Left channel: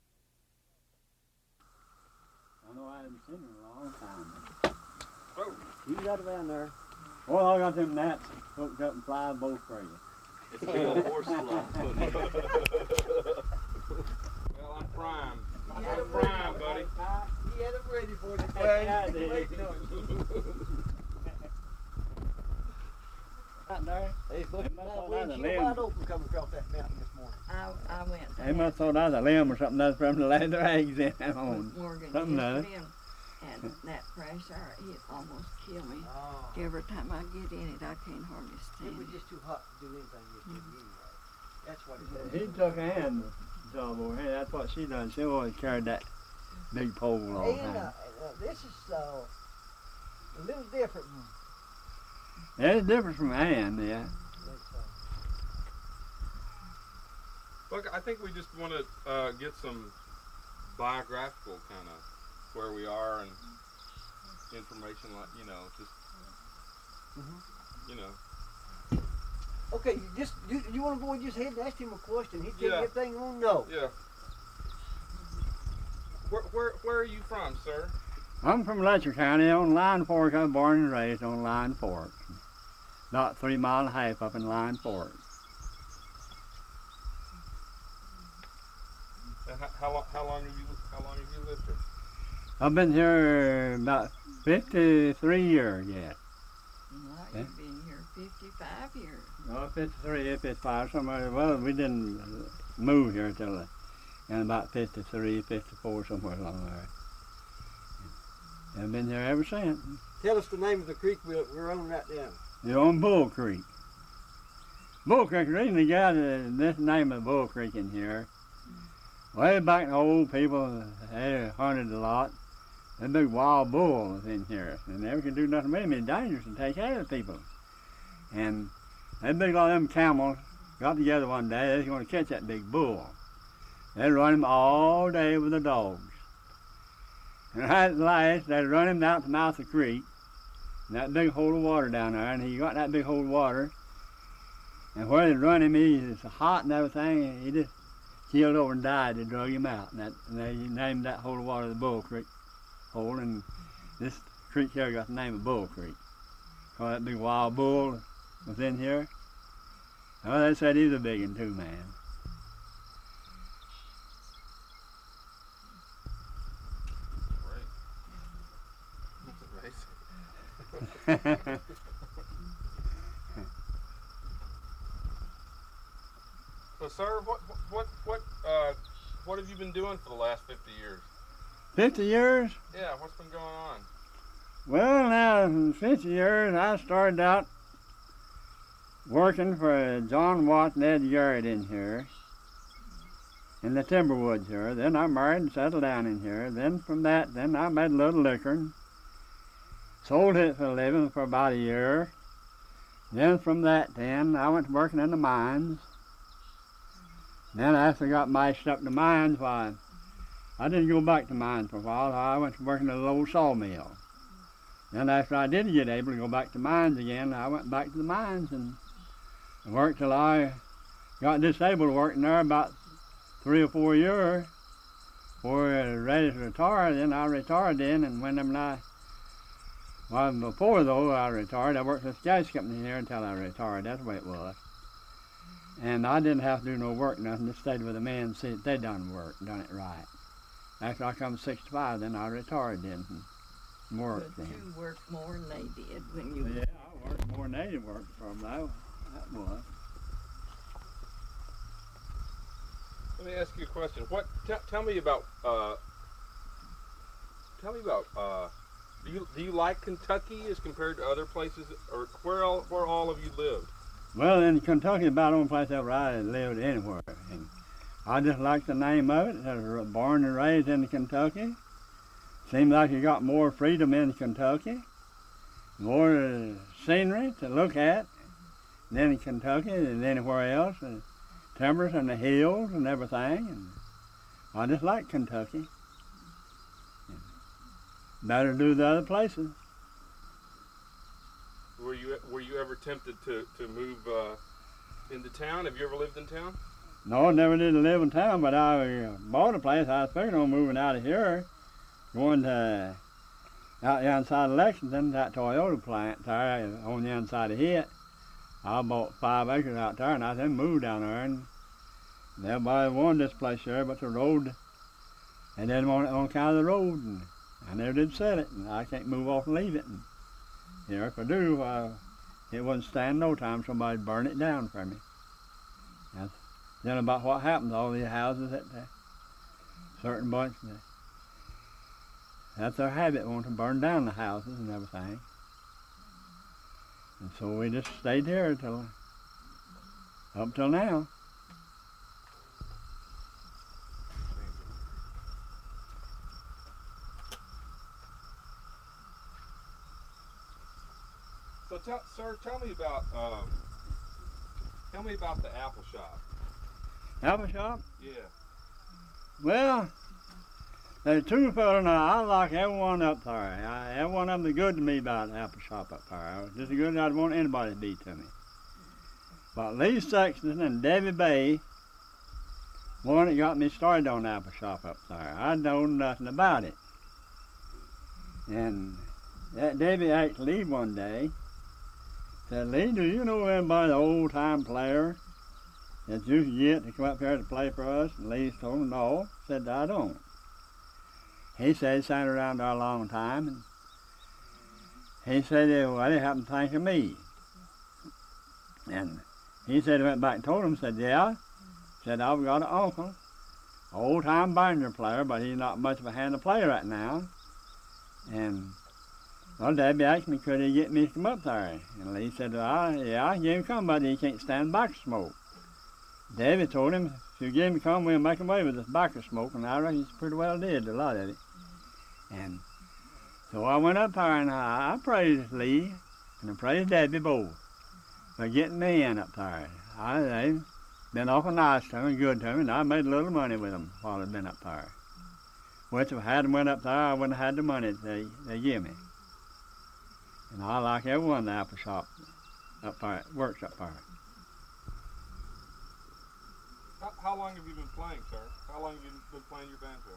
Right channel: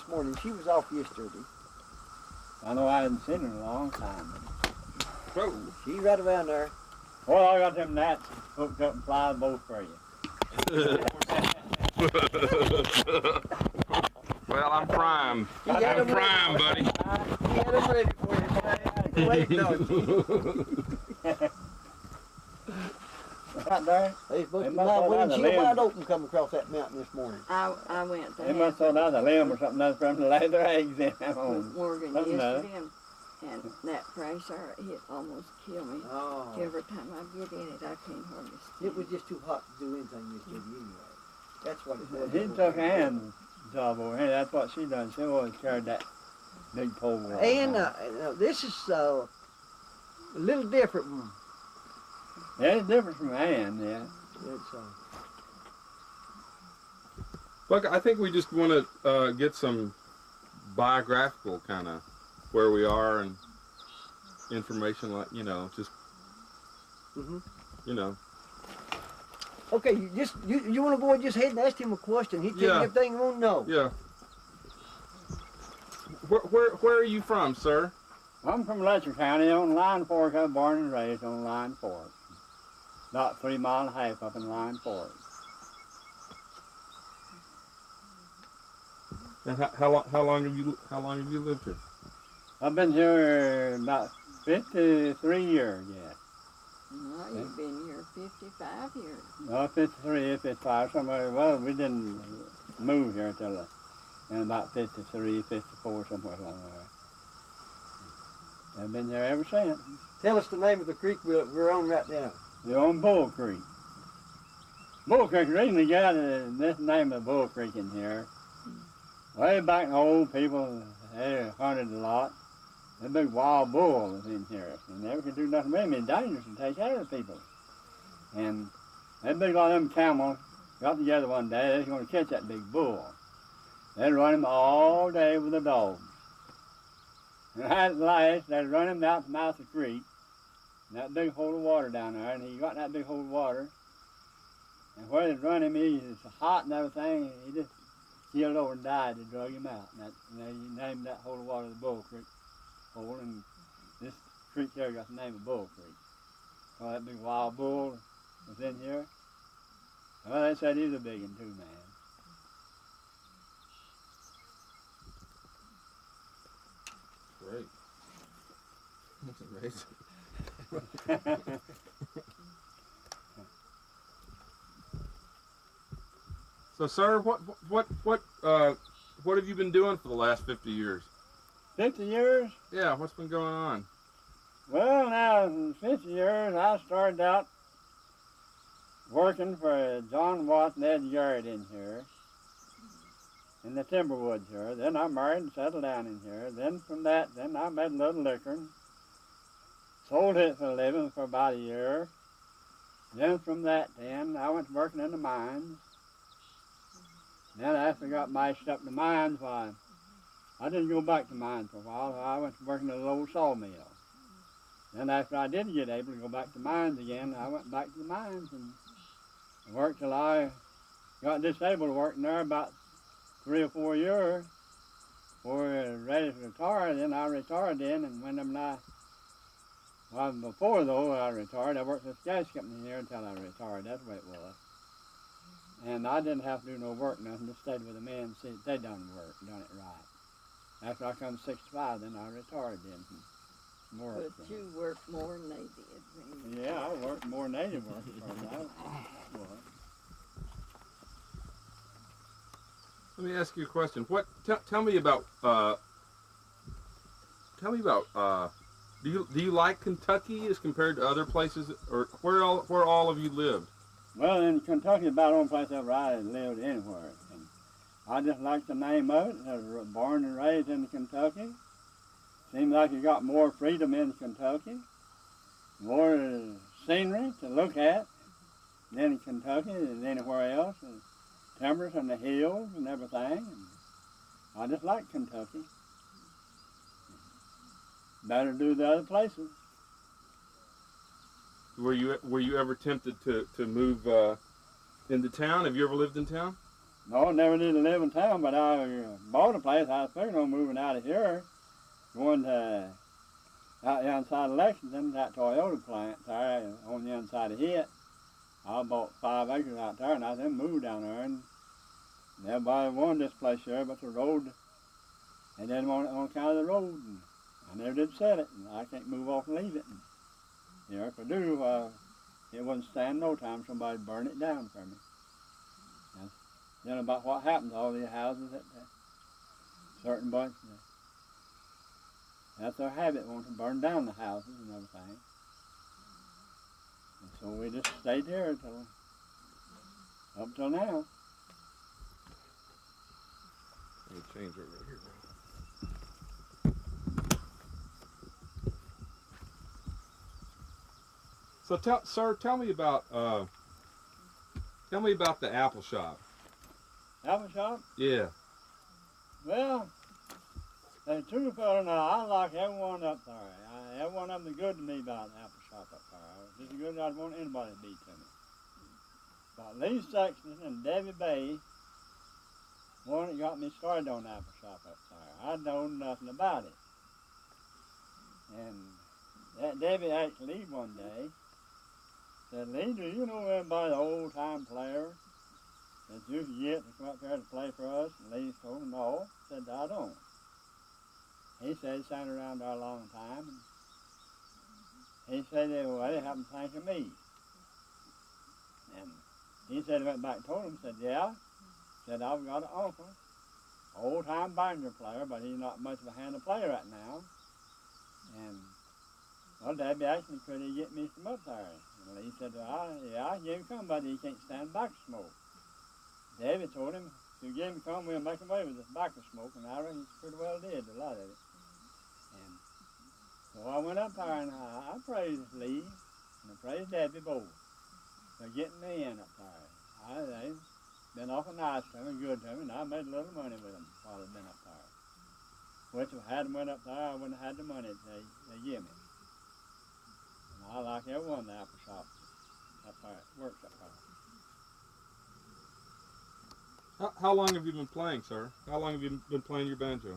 this morning. She was off yesterday. I know I hadn't seen her in a long time. Whoa. She's right around there. Well, I got them gnats hooked up and fly both for you. Well, I'm primed. He had I'm them primed, buddy. He had them ready for you, boy. Waiting on you. Out there, They was They looking must my have had a windshield limb. wide open coming across that mountain this morning. I went to they must have thought that was a limb or something that's from the leather eggs in that with home. Morgan Something yesterday, and that fresh air, it almost killed me. Oh. Every time I get in it, I can't hardly stand. It was just too hot to do anything yesterday anyway. That's what it was. She took Ann's job over here. That's what she done. She always carried that big pole. all the And time. this is a little different. There's a difference from Ann, yeah. It's, Look, I think we just want to get some biographical kind of where we are and information, like, you know, just, you know. okay, you want to go and just ahead and ask him a question. He tell you everything you want to know. Yeah. Where are you from, sir? I'm from Letcher County on Linefork. I was born and raised on Linefork. About 3 miles and a half up in Linefork. And how long have you lived here? I've been here about 53 years yet. No, you've been here 55 years. Well, 53, 55, somewhere. Well, we didn't move here till about 53, 54, somewhere along there. I've been here ever since. Tell us the name of the creek we're on right now. You're on Bull Creek. Bull Creek originally got this name of Bull Creek in here. Way back, the old people, they hunted a lot. The big wild bull was in here, and never could do nothing with him. It's dangerous to take care of people. And that big lot of them camels got together one day. They was going to catch that big bull. They'd run him all day with the dogs. And at last, they'd run him down to the mouth of the creek, and that big hole of water down there, and he got that big hole of water. And where they'd run him, he was hot and everything, and he just keeled over and died. They drug him out, and they named that hole of water the Bull Creek hole, and this creek here got the name of Bull Creek. Because that big wild bull was in here. Well, they said he was a big one too, man. Great. That's amazing. So, sir, what have you been doing for the last 50 years? 50 years? Yeah, what's been going on? Well, now, in 50 years, I started out working for John Watt and Ed Garrett in here, in the timber woods here. Then I married and settled down in here. Then from that, I made a little liquor and sold it for a living for about a year. Then from that, I went to working in the mines. Then after I got mashed up in the mines, why, I didn't go back to mines for a while. I went to working at a little sawmill. Then after I did get able to go back to mines again, I went back to the mines and worked till I got disabled working there about 3 or 4 years. Before I was ready to retire, then I retired then, and before though I retired, I worked for the gas company here until I retired. That's the way it was. And I didn't have to do no work, nothing. Just stayed with the men and see that they done it right. After I come 65, then I retired then and worked. But you worked more than they did when you. Yeah, I worked more than they did work for them. That was. Let me ask you a question. Tell me about. Do you like Kentucky as compared to other places, or where all of you lived? Well, in Kentucky, about the only place ever I lived anywhere. And I just like the name of it. I was born and raised in Kentucky. Seems like you got more freedom in Kentucky, more scenery to look at than in Kentucky and anywhere else. The timbers and the hills and everything. And I just like Kentucky. Better do the other places. Were you ever tempted to move into town? Have you ever lived in town? No, I never did live in town, but I bought a place. I was figuring on moving out of here, going to out the inside of Lexington, that Toyota plant there on the inside of it. I bought 5 acres out there, and I then moved down there, and everybody wanted this place here, but the road, they didn't want it on account of the road, and I never did sell it, and I can't move off and leave it. And here, if I do, it wouldn't stand no time somebody'd burn it down for me. That's then about what happened to all these houses at certain bunch. That's their habit, wanting to burn down the houses and everything. And so we just stayed here up till now. Let me change it right here. So sir, tell me about the apple shop. Apple shop? Yeah. Well, there's 2 fellas, and I like everyone up there. Every one of them is good to me about the apple shop up there. Just as good as I'd want anybody to be to me. But Lee Sexton and Debbie Bay, one that got me started on the apple shop up there. I know nothing about it. And that Debbie asked Lee one day, said, Lee, do you know anybody, old-time player, that you can get to come up here to play for us? And Lee told him, no. Said, I don't. He said he sat around there a long time, and he said, well, he happened to think of me. And he said, he went back and told him, said, yeah. Said, I've got an uncle, old-time banjo player, but he's not much of a hand to play right now. And, well, Debbie asked me, could he get me to come up there? And Lee said, yeah, I can get him come, but he can't stand tobacco smoke. Debbie told him, if you give him come, we'll make him away with this tobacco smoke, and I reckon he pretty well did, a lot of it. And so I went up there, and I praised Lee, and I praised Debbie both for getting me in up there. They've been awful nice to me, good to me, and I made a little money with them while I've been up there. Which if I hadn't went up there, I wouldn't have had the money they give me. And I like everyone in the apple shop up there, works up there. How long have you been playing, sir? How long have you been playing your banjo?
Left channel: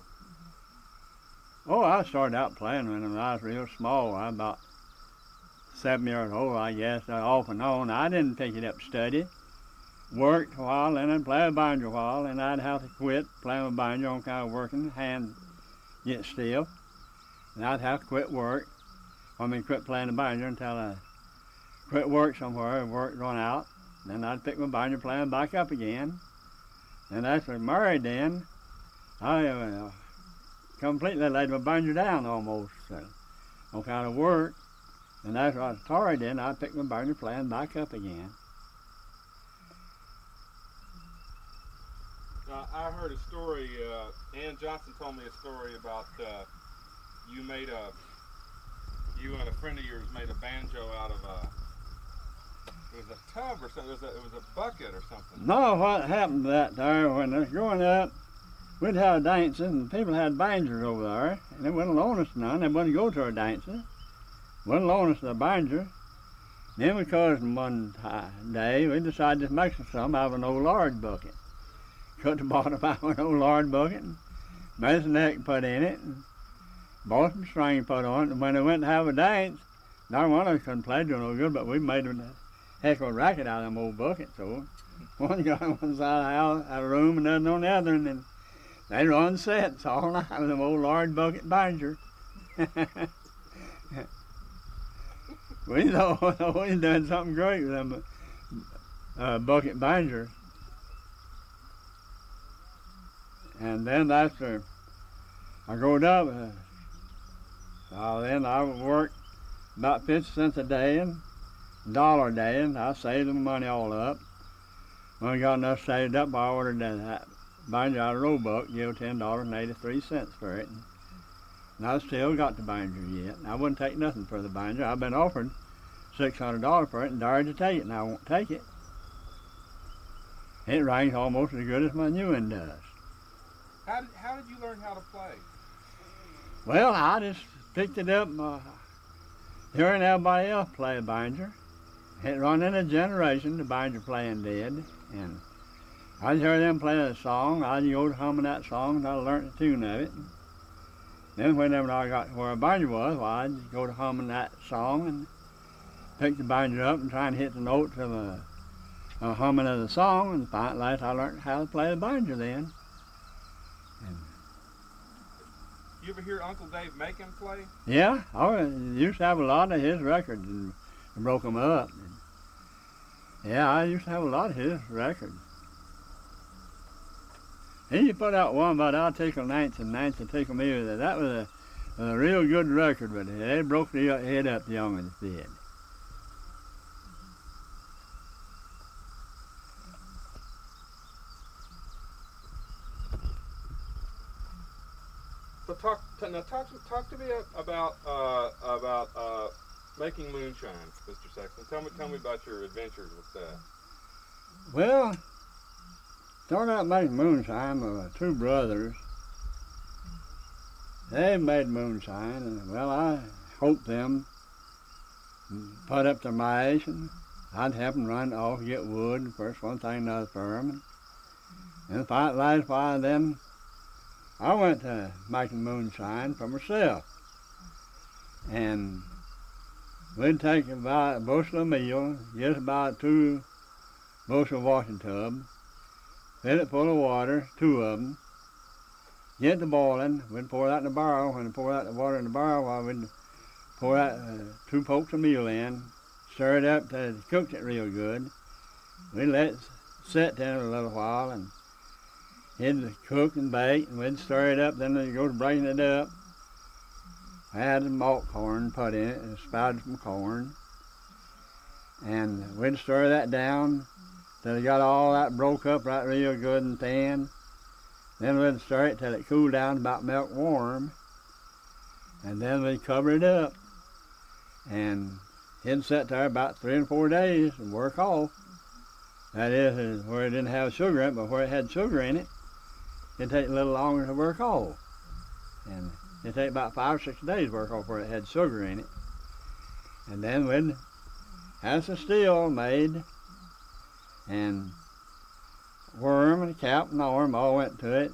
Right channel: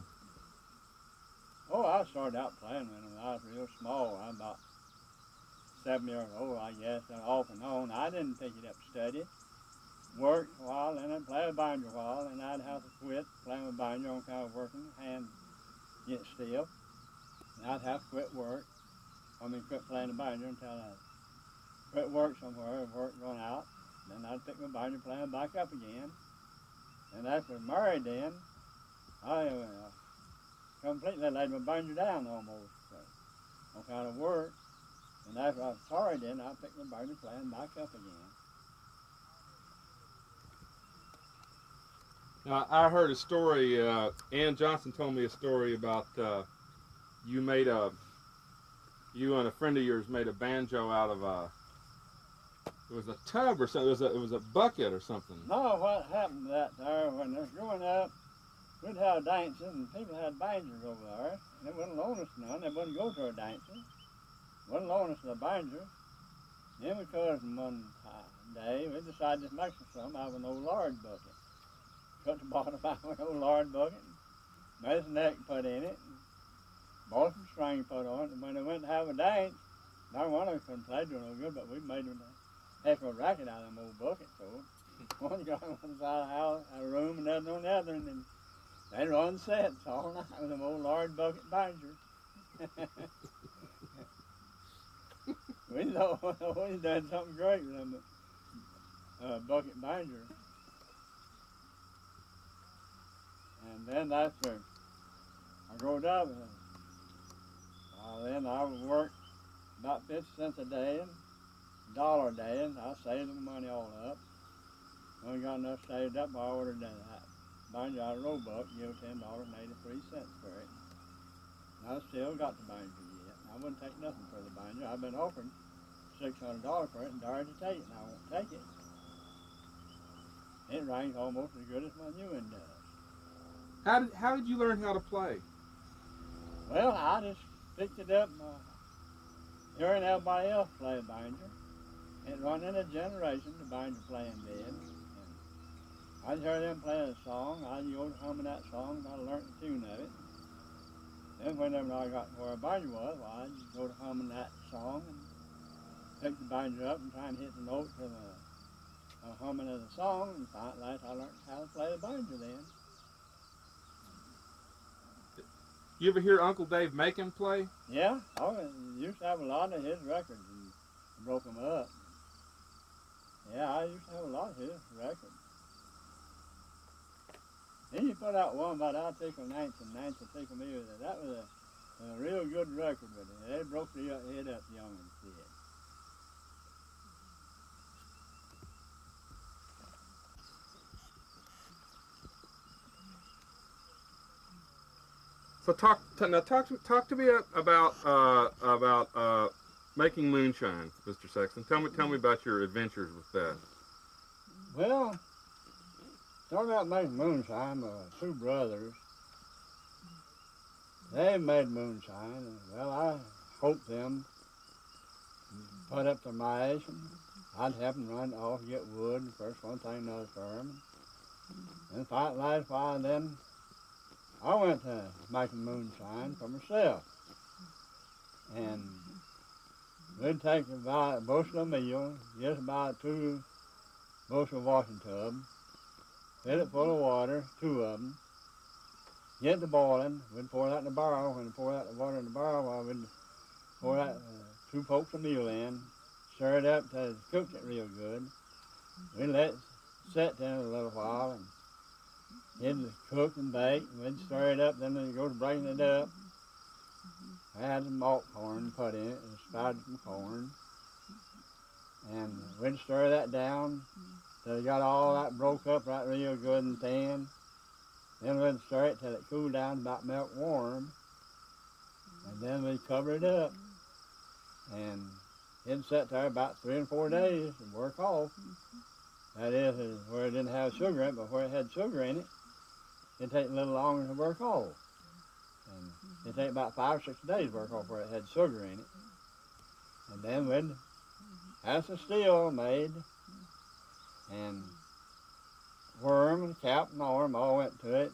Oh, I started out playing when I was real small. I was about 7 years old, I guess, off and on. I didn't pick it up to study. Worked a while, and then played banjo a while, and I'd have to quit playing with banjo on kind of working, hand get stiff. And I'd have to quit work. Quit playing the banjo until I quit work somewhere, work run out. Then I'd pick my banjo playing back up again. And after I married then, I completely laid my banjo down almost on kind of work. And after I was married then, I picked my banjo playing back up again. I heard a story, Ann Johnson told me a story about you and a friend of yours made a banjo out of it was a tub or something, it was a bucket or something. No, what happened to that there, when I was growing up, we'd have dances and people had banjos over there, and they wouldn't loan us none, they wouldn't go to our dances, wouldn't loan us the banjo. Then we caused them one day, we decided to make some out of an old lard bucket. Cut the bottom out of an old lard bucket, and made us a neck put in it, and bought some string put on it, and when they went to have a dance, not one of us couldn't play to no good, but we made a heck of a racket out of them old buckets. So one guy on one side of the room and another on the other, and then they run sets all night with them old lard bucket banjos. We thought we was doing something great with them bucket banjos. And then after I growed up, then I worked about 50 cents a day and $1 a day, and I saved the money all up. When I got enough saved up, I ordered that banjo out of Roebuck, give $10.83 for it. And I still got the banjo yet. I wouldn't take nothing for the banjo. I've been offered $600 for it and dared to take it, and I won't take it. It rings almost as good as my new one does. How did you learn how to play? Well, I just picked it up hearing everybody else play a banjo. It run in a generation, the banjo playing did. And I'd hear them play a song, I'd go to humming that song until I learned the tune of it. Then whenever I got to where a banjo was, well, I'd go to humming that song and pick the banjo up and try and hit the notes of a humming of the song, and finally I learned how to play the banjo then. You ever hear Uncle Dave make him play? Yeah, I used to have a lot of his records and broke them up. Yeah, I used to have a lot of his records. He put out one about I'll Tickle Nance and Nance will Tickle Me. That was a real good record, but it broke the head up the young ones did. So talk to me about making moonshine, Mr. Sexton. Tell me about your adventures with that. Well, started out making moonshine with two brothers. They made moonshine, and well, I helped them put up their mash, and I'd help them run off, get wood, first one thing, another for them. And last while then, I went to making moonshine for myself. And we'd take about a bushel of meal, just about 2 bushel washing tubs, fill it full of water, 2 of them, get the boiling, we'd pour that in the barrel. When we pour out the water in the barrel, well, we'd pour that 2 pokes of meal in, stir it up till it cooked it real good. We'd let it sit there a little while, and it'd cook and bake, and we'd stir it up, then we'd go to breaking it up. I had the malt corn put in it, and sprouted some corn. And we'd stir that down till it got all that broke up right real good and thin. Then we'd stir it till it cooled down about milk warm. And then we'd cover it up. And it'd sit there about 3 or 4 days and work off. That is where it didn't have sugar in it, but where it had sugar in it, it'd take a little longer to work off. And it'd take about 5 or 6 days to work off where it had sugar in it. And then we'd have some steel made, and worm and cap and arm all went to it.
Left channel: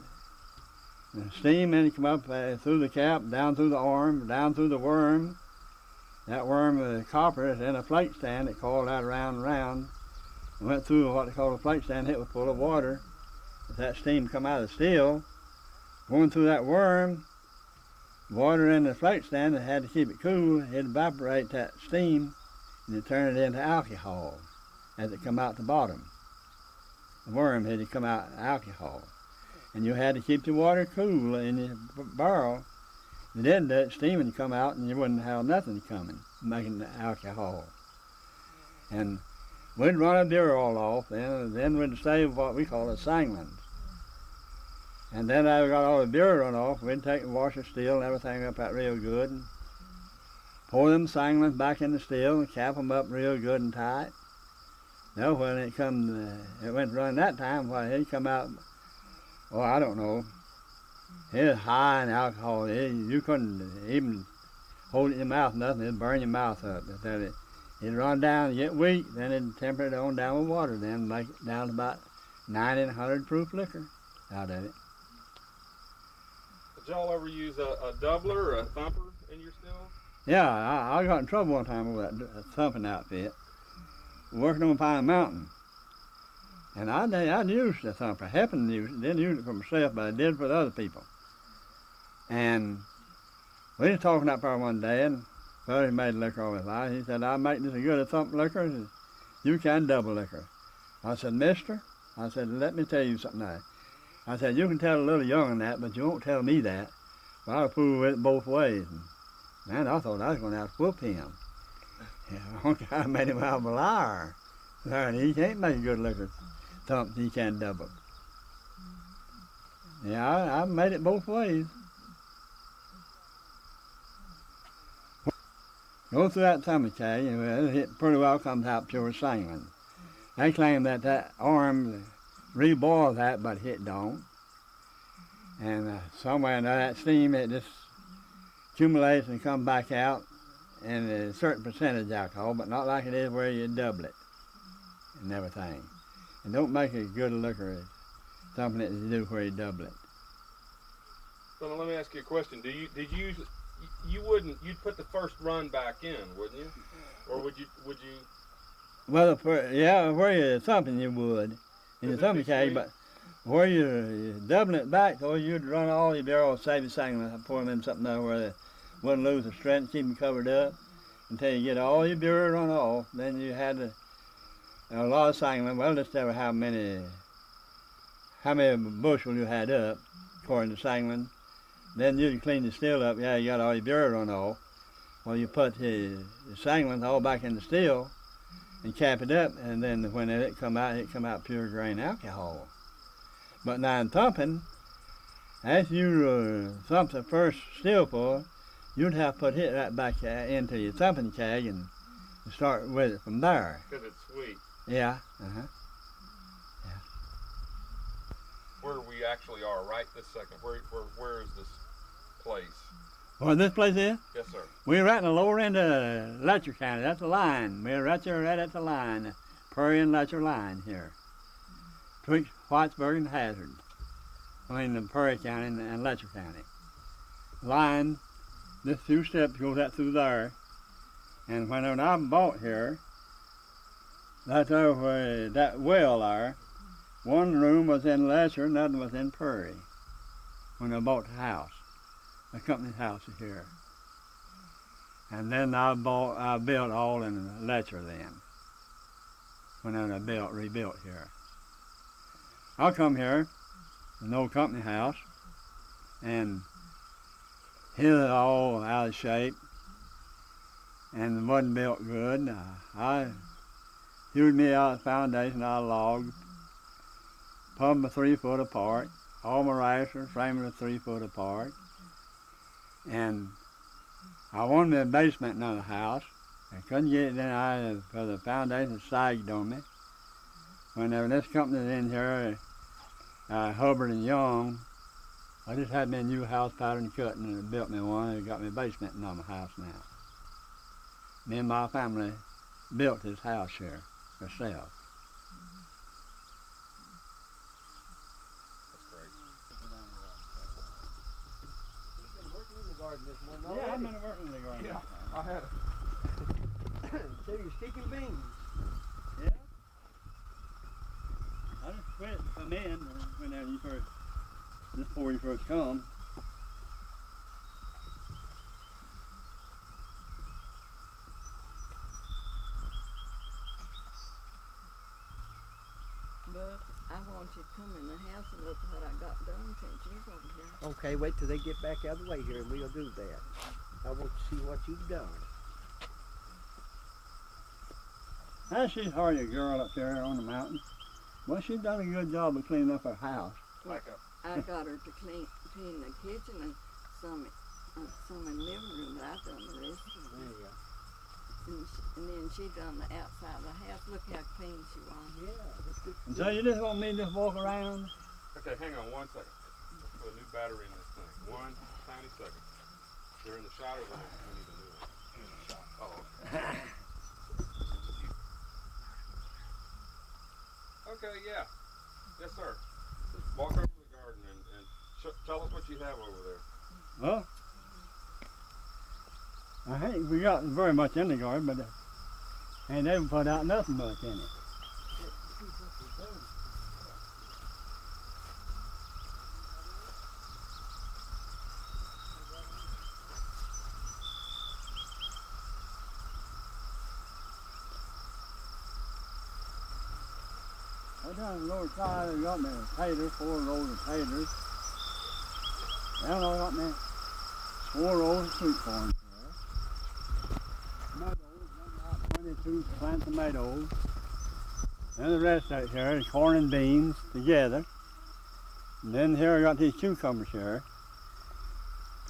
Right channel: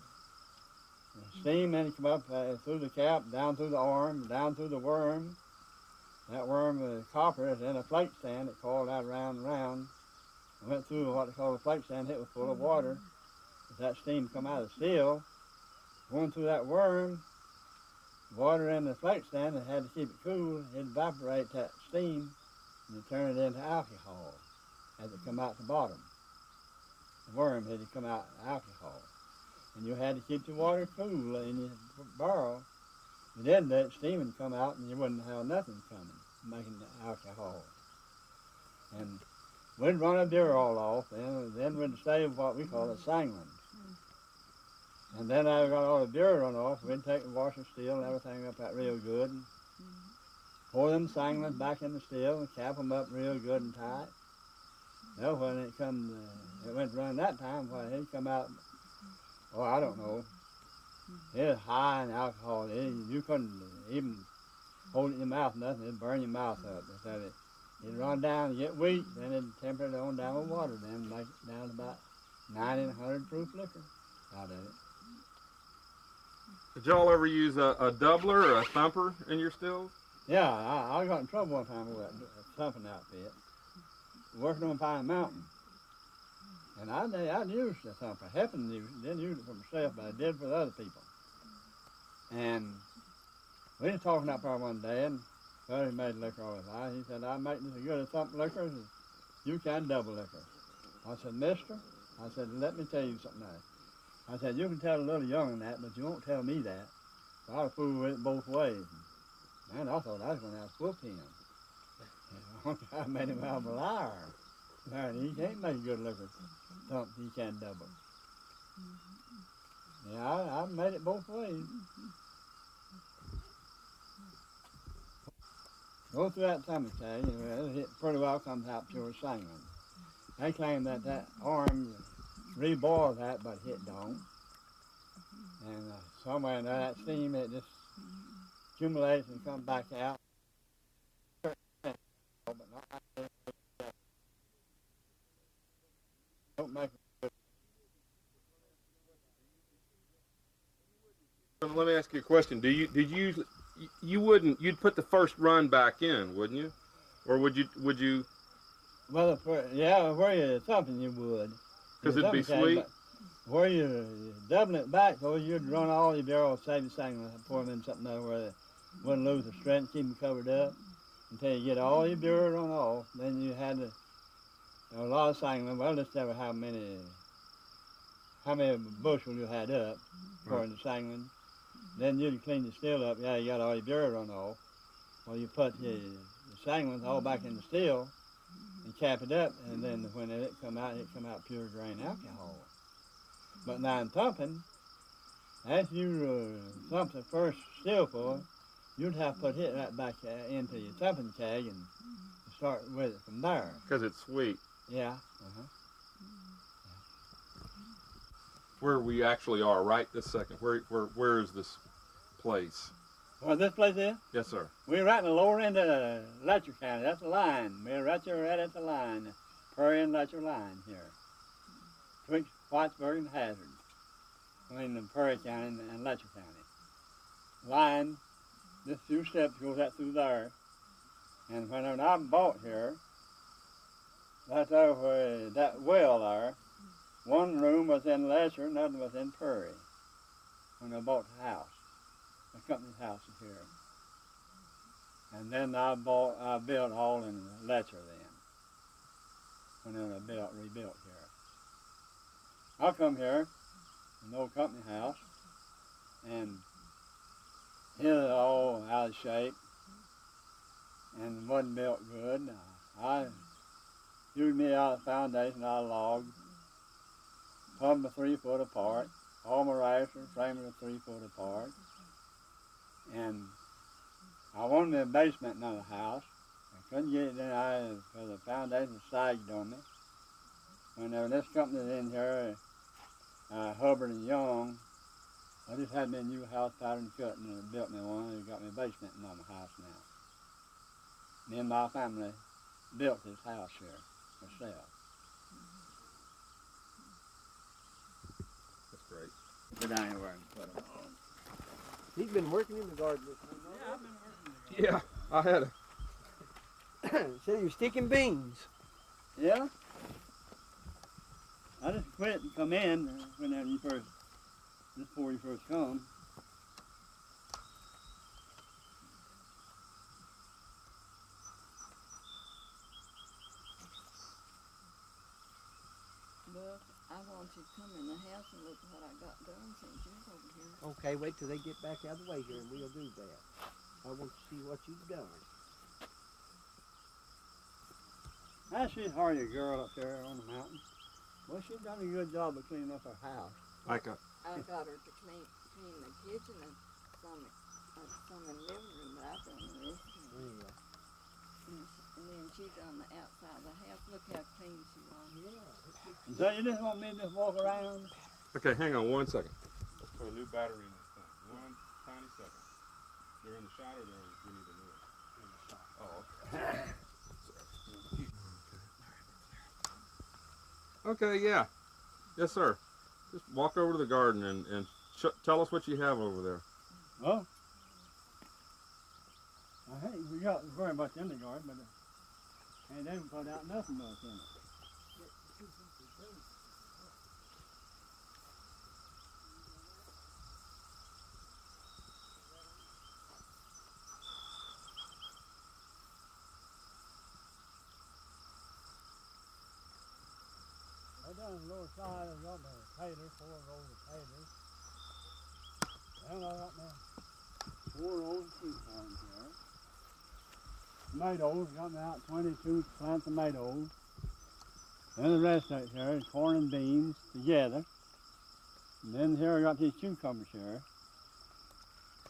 And steam then come up through the cap, down through the arm, down through the worm. That worm was copper is in a plate stand that coiled out around and round. And went through what they call a plate stand, it was full of water. If that steam come out of the steel, going through that worm, water in the plate stand, and had to keep it cool, it'd evaporate that steam, and it turn it into alcohol as it come out the bottom. The worm had to come out alcohol. And you had to keep the water cool in the barrel. If you didn't, that steam would come out and you wouldn't have nothing coming, making the alcohol. And we'd run a beer all off, then we'd save what we call the sanglins. And then I got all the beer run off, we'd take the washer steel and everything up that real good. And pour them sanglins back in the steel and cap them up real good and tight. Now when it went to run that time, well, it'd come out, oh, I don't know. It was high in alcohol. You couldn't even hold it in your mouth, nothing. It'd burn your mouth up. It'd run down, get weak, then it'd temper it on down with water, then make it down to about 90 and 100 proof liquor out of it. Did y'all ever use a doubler or a thumper in your stills? Yeah, I got in trouble one time with that thumping outfit, working on Pine Mountain. And I'd used the thumper. I happened to use it, didn't use it for myself, but I did for the other people. And we was talking up there one day, and Buddy made liquor all his life. He said, I make this as good a thump liquor as you can double liquor. I said, mister, I said, let me tell you something now. I said, you can tell a little young on that, but you won't tell me that. Well, I'll prove it both ways. And man, I thought I was going to have to whoop him. Yeah, I made him out of a liar. He can't make good liquor thump, he can't double. Yeah, I made it both ways. Go through that tummy cage, and it pretty well comes out pure sanguine. They claim that arm reboils that, but it don't. And somewhere in that steam, it just accumulates and comes back out in a certain percentage alcohol, but not like it is where you double it and everything. And don't make as good a liquor as thumping it as you do where you double it. Well, let me ask you a question. You'd put the first run back in, wouldn't you? Or would you? Well, where you're thumping you would. In the Because it'd be thumping keg, sweet. but where you're doubling it back, or you'd run all your barrels, save the sangling, pour them in something there where they wouldn't lose the strength, keep them covered up until you get all your beer run off. Then you had a lot of sangling. Well, just ever how many bushel you had up, according to sangling. Then you'd clean the still up. Yeah, you got all your beer run off. Well, you put the sangling all back in the still and cap it up, and then when it come out pure grain alcohol. But now in thumping, after you thump the first still full, you'd have to put it right back into your thumping keg and start with it from there. Because it's sweet. Yeah. Where we actually are right this second. Where is this place? Where this place is? Yes, sir. We're right in the lower end of Letcher County. That's the line. We're right there, right at the line, Prairie and Letcher line here. Twixt Whitesburg and Hazard. Between the Prairie County and Letcher County. Line, this few steps goes out through there. And when I bought here, that's over that well there. One room was in Letcher, another was in Prairie. When I bought the house. The company's house is here. And then I built all in Letcher then. When I rebuilt here. I come here, an old company house, and hit it all out of shape, and it wasn't built good. I hewed me out the foundation out of logs, pumped them 3 foot apart, all my rafters, framed them 3 foot apart. And I wanted a basement in the house. I couldn't get it in for the foundation sagged on me. Whenever this company was in here, Hubbard and Young, I just had me a new house pattern cutting and it built me one and it got me a basement in my house now. Me and my family built this house here ourselves. That's great. But I ain't working. He's been working in the garden this morning already. Yeah, I've been working in the garden. Yeah, I had So you're sticking beans. Yeah. I just quit and come in whenever you first, before you first come. I want you to come in the house and look what I got done since you wasn't here. Okay, wait till they get back out of the way here and we'll do that. I want to see what you've done. She's hardly a girl up there on the mountain. Well, she's done a good job of cleaning up her house. I got her to clean the kitchen and some in the living room, but I've done the rest of it. And then she done the outside of the house. Look how clean she was. Yeah. And so you just want me to just walk around? Okay, hang on 1 second. Put a new battery in this thing. 1 tiny second. They're in the shower room. We need a new one. Oh, okay. Okay, yeah. Yes, sir. Just walk over to the garden and tell us what you have over there. Well, I ain't we got very much in the garden, but ain't ever put out nothing much in it. Down the lower side, we got me taters, 4 rows of taters. Down there, got me 4 rows of sweet corn here. Tomatoes, got me out 22 plant tomatoes. And the rest out here is corn and beans together. And then here I got these cucumbers here.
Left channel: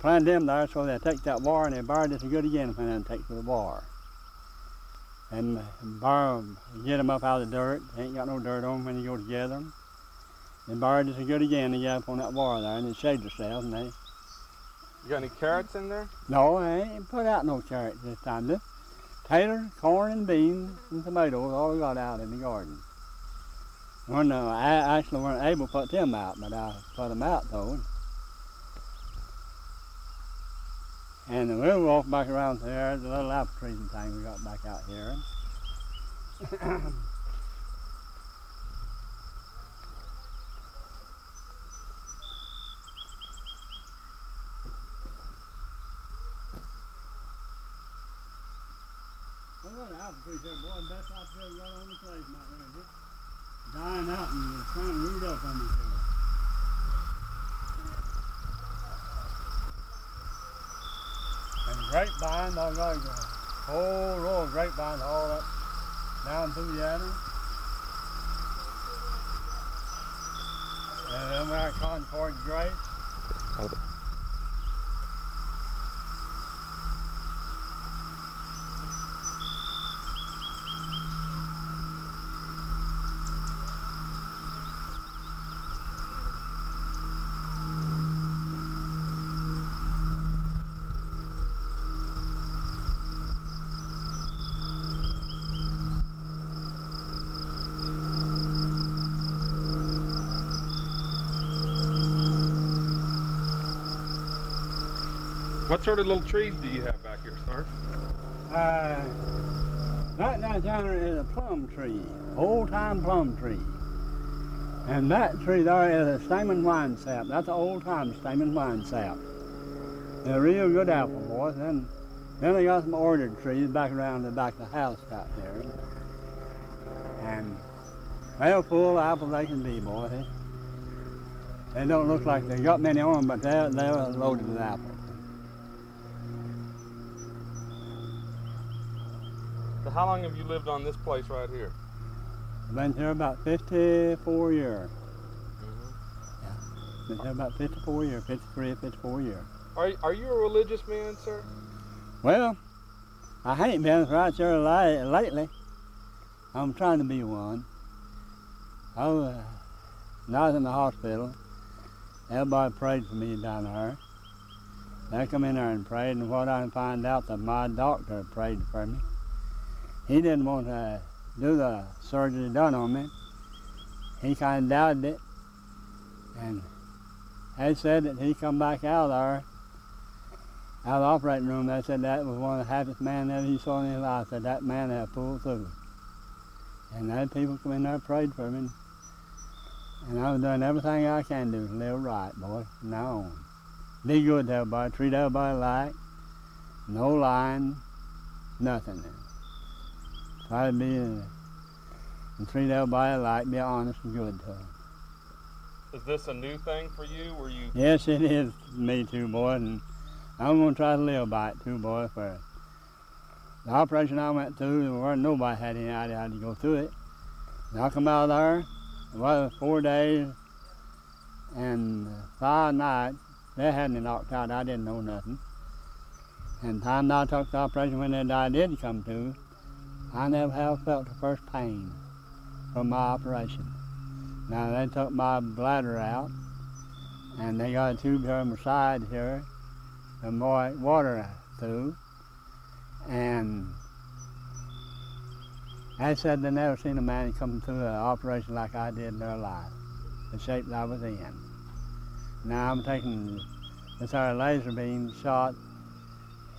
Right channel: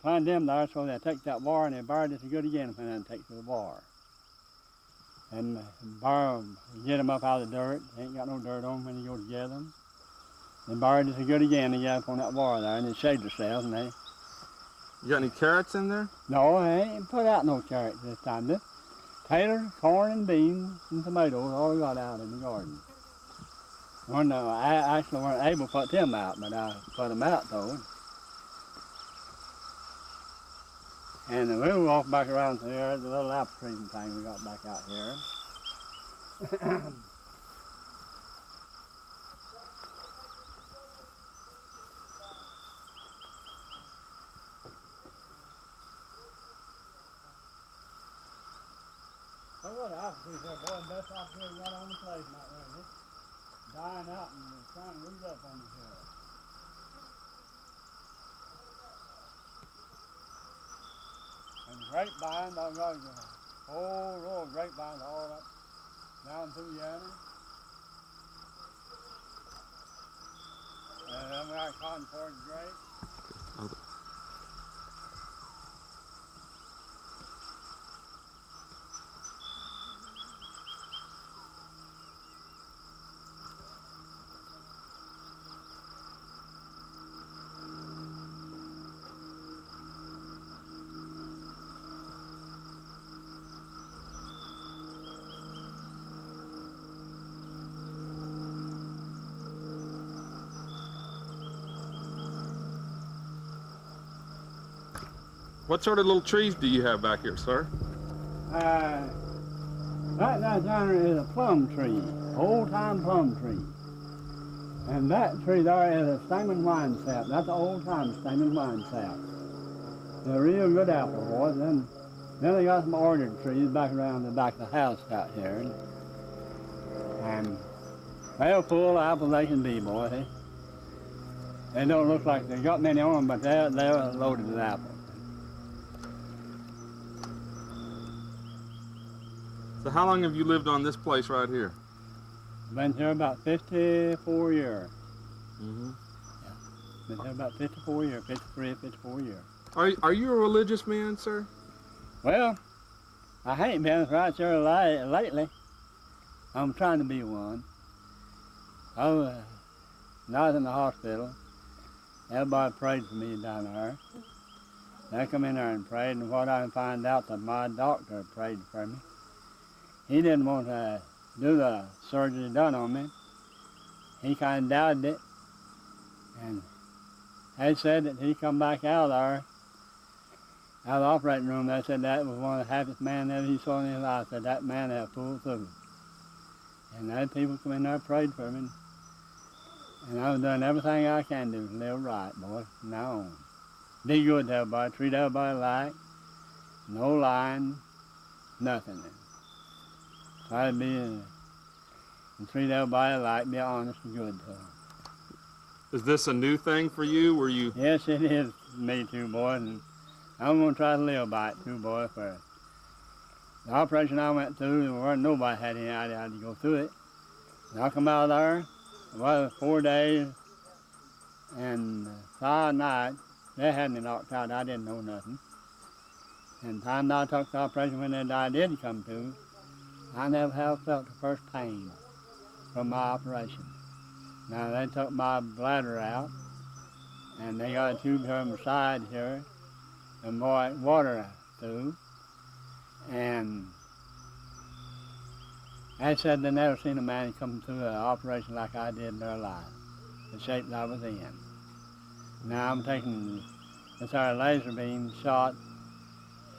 Plant them there so they take that bar and they bar it good again when they take to the bar. And get them up out of the dirt. They ain't got no dirt on them when you go to gather them. And bar it good again and get up on that bar there and it shades themselves. And they, You got any carrots in there? no, I ain't put out no carrots this time. This tater, corn and beans and tomatoes all I got out in the garden. I actually weren't able to put them out, but I put them out though. And we'll walk back around here, the little apple trees and things we got back out here. Look at the apple trees here, boy, the best apple trees right on the place out there. Dying out and trying to root up on each other. And the grapevine, I've got a whole row of grapevines all up down through yonder. And the American porch grapes. What sort of little trees do you have back here, sir? That down yonder is a plum tree, old-time plum tree. And that tree there is a Stamen wine sap. That's an old-time Stamen wine sap. They're real good apple, boys. Then they got some orchard trees back around the back of the house out here. And they're full of apples they can be, boys. They don't look like they got many on them, but they're loaded with apples. So how long have you lived on this place right here? Been here about 54 years. Mm-hmm. Yeah, been here about 54 years, 53, 54 years. Are you a religious man, sir? Well, I ain't been right here lately. I'm trying to be one. I was in the hospital. Everybody prayed for me down there. They come in there and prayed, and what I find out that my doctor prayed for me. He didn't want to do the surgery done on me. He kind of doubted it. And they said that he come back out of the operating room. They said that was one of the happiest men that he saw in his life. Said that man had pulled through. And they had people come in there and prayed for me. And I was doing everything I can do to live right, boy, from now on. Be good to everybody, treat everybody alike, no lying, nothing. Try to be and treat everybody alike, be honest and good to them. Is this a new thing for you? Were you? Yes, it is me too, boy, and I'm going to try to live by it too, boy. For the operation I went through, there wasn't nobody had any idea how to go through it. And I come out of there, well, it was 4 days and 5 nights. They had me knocked out. I didn't know nothing. And the time I took the operation, when that I did come to, I never have felt the first pain from my operation. Now they took my bladder out, and they got a tube here on the side here, and water through, and they said they never seen a man come through an operation like I did in their life, the shape that I was in. Now I'm taking this our laser beam shot.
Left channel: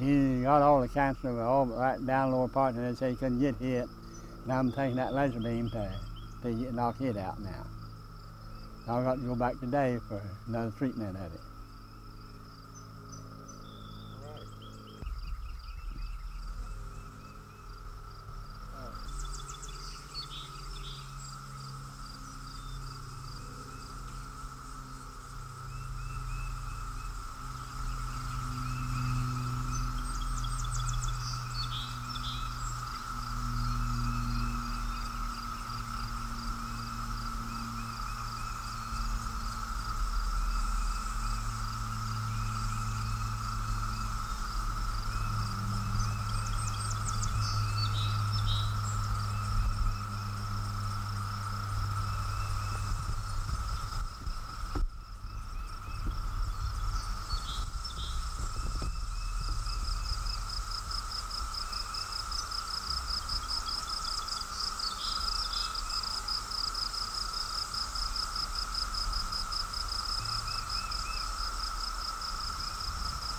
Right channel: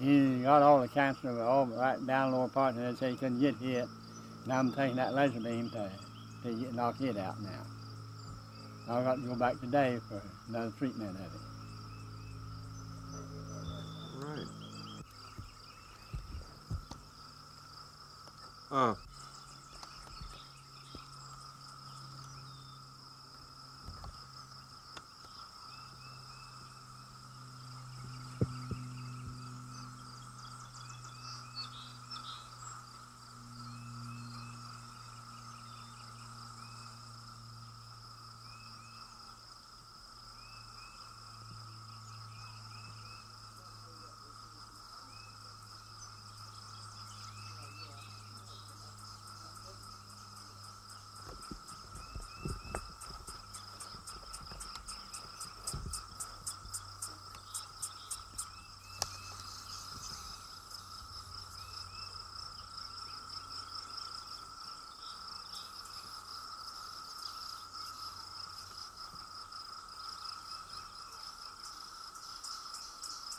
He got all the cancer all right down the lower part, and they said he couldn't get hit. Now I'm taking that laser beam to knock it out now. I got to go back today for another treatment of it. Right.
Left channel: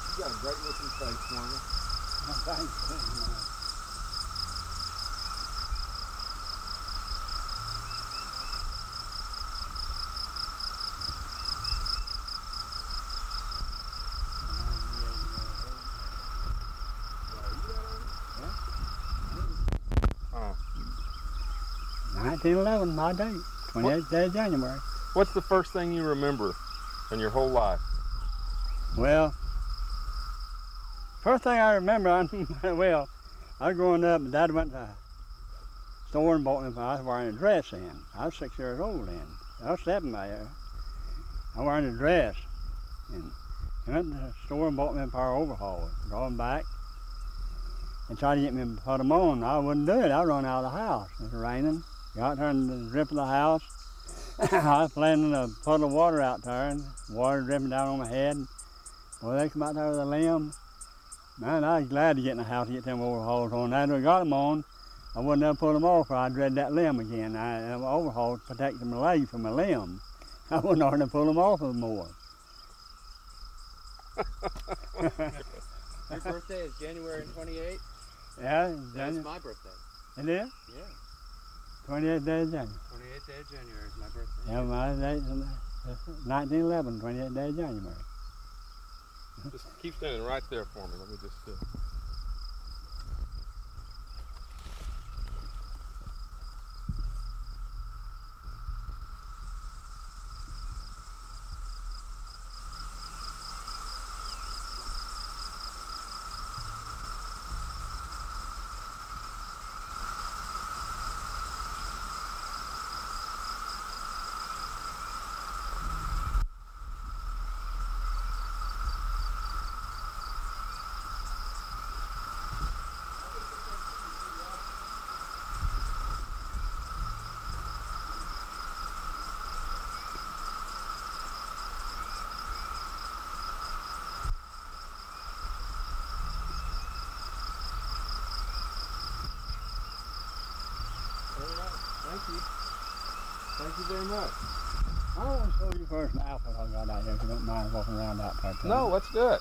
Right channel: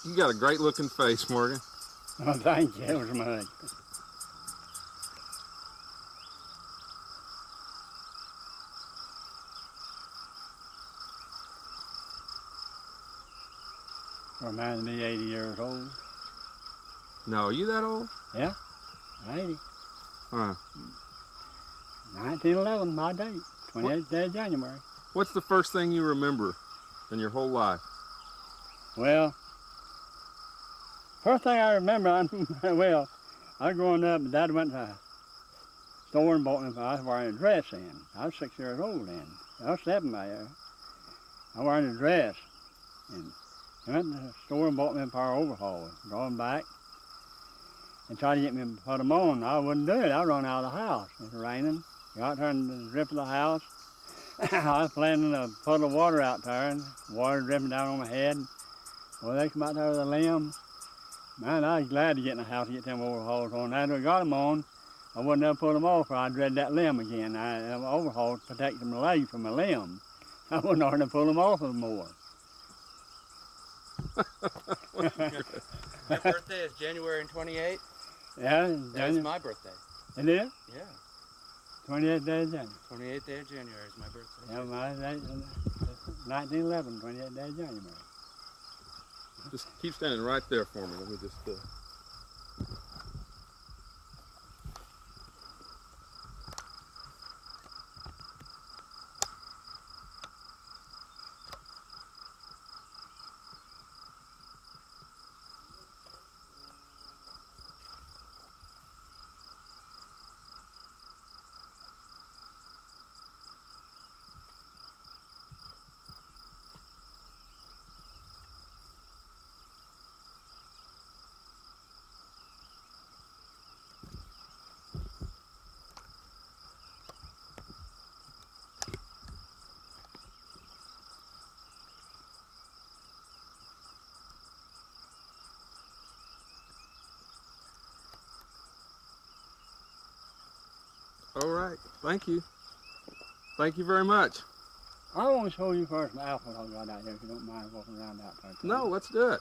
You got a great looking face, Morgan. Oh, thank you very much. Reminds me 80 years old. No, are you that old? Yeah, 80. 1911, 1911, my date. 28th day of January. What's the first thing you remember in your whole life? Well, first thing I remember, well, I was growing up, and Dad went to the store and bought me, I was wearing a dress then. I was 6 years old then. I was 7 there. I was wearing a dress. And I went to the store and bought me a pair of overalls. Going back and tried to get me to put them on. I wouldn't do it. I run out of the house. It was raining. Got there in the drip of the house. I was planning to puddle of water out there, and water dripping down on my head. Well, they come out there with a limb. Man, I was glad to get in the house to get them overalls on. After I got them on, I wouldn't have put them off, or I'd dread that limb again. Overalls protected my leg from the limb. I wouldn't know how to pull them off anymore. Your birthday is January 28th? Yeah, That's my birthday. It is? Yeah. 28th day of January. 28th day of January is my birthday. Yeah, my date is 1911, 28th day of January. Just keep standing right there for me. We'll just. All right. Thank you. Thank you very much. I want to show you first the apple I got out there, if you don't mind walking around that part. No, let's do it.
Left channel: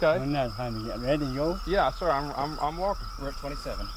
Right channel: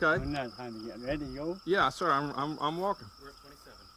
Okay. When that time to get ready to go. Yeah, sir. I'm walking. We're at 27.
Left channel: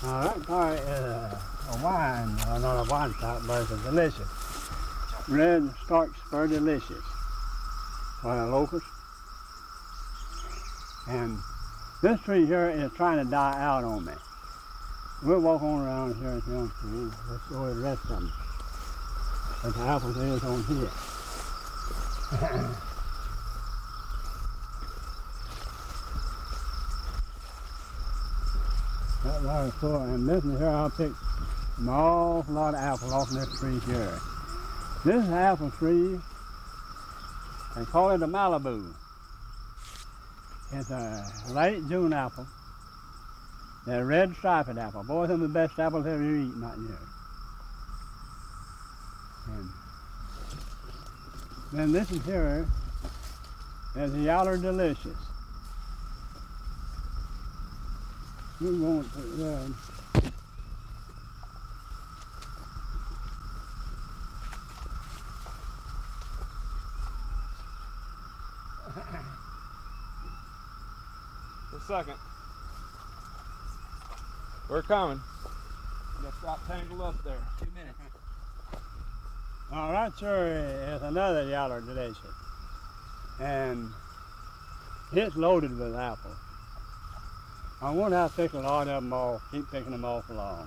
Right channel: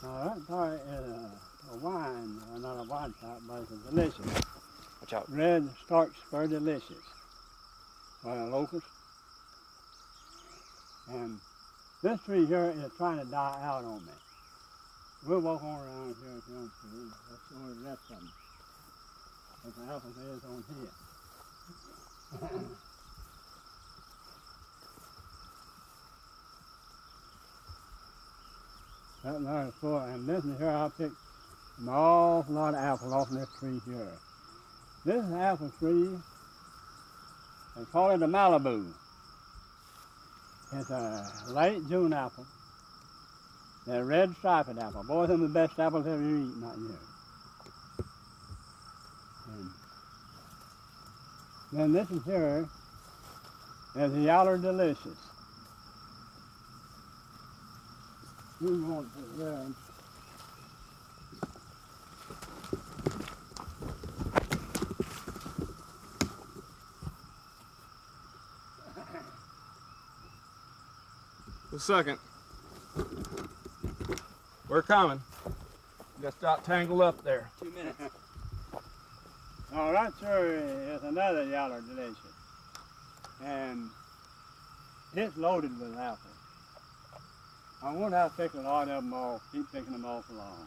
That part is a wine, not a wine shop, but it's a delicious. Red Stark Spur Delicious. One of the locals. And this tree here is trying to die out on me. We'll walk on around here if you want to. Let's go to the rest of them. But the apples is on here. That water full, and this is here I'll pick an awful lot of apples off this tree here. This apple tree, they call it a Malibu. It's a late June apple. They're red striped apple. Boy, some of the best apples ever eaten out here. And then this is here, there's the Yaller Delicious. You want to, A second. We're coming. Just got tangled up there. 2 minutes. All right, sure, is another Yaller Delicious. And it's loaded with apples. I wonder how to pick a lot of them off, keep picking them off along.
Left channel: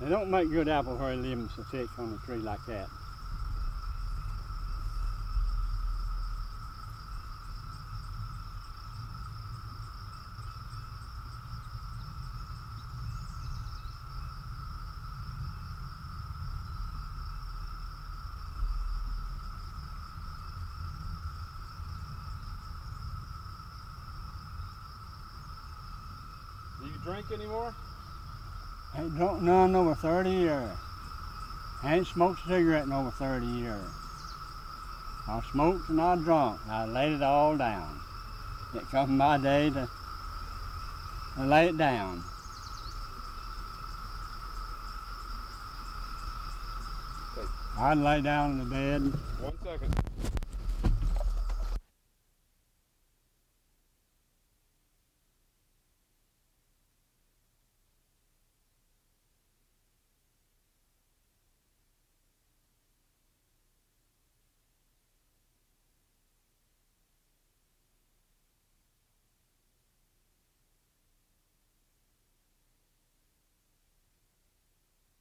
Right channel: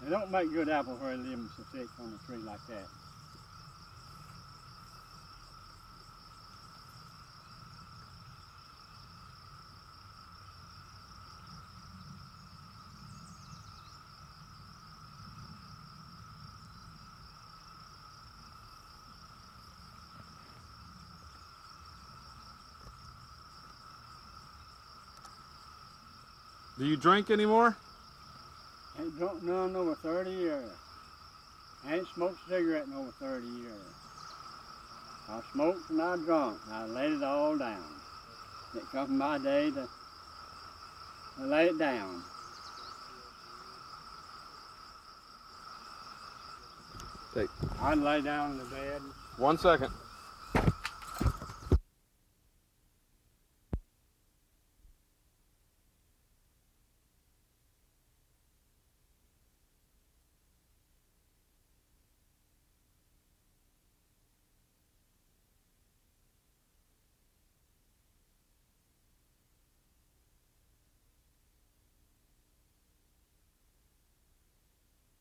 They don't make good apples where you leave them so thick on the tree like that. Do you drink anymore? Ain't drunk none over 30 years. Ain't smoked a cigarette in over 30 years. I smoked and I drunk. I laid it all down. It come my day to lay it down. Take. I'd lay down in the bed. 1 second.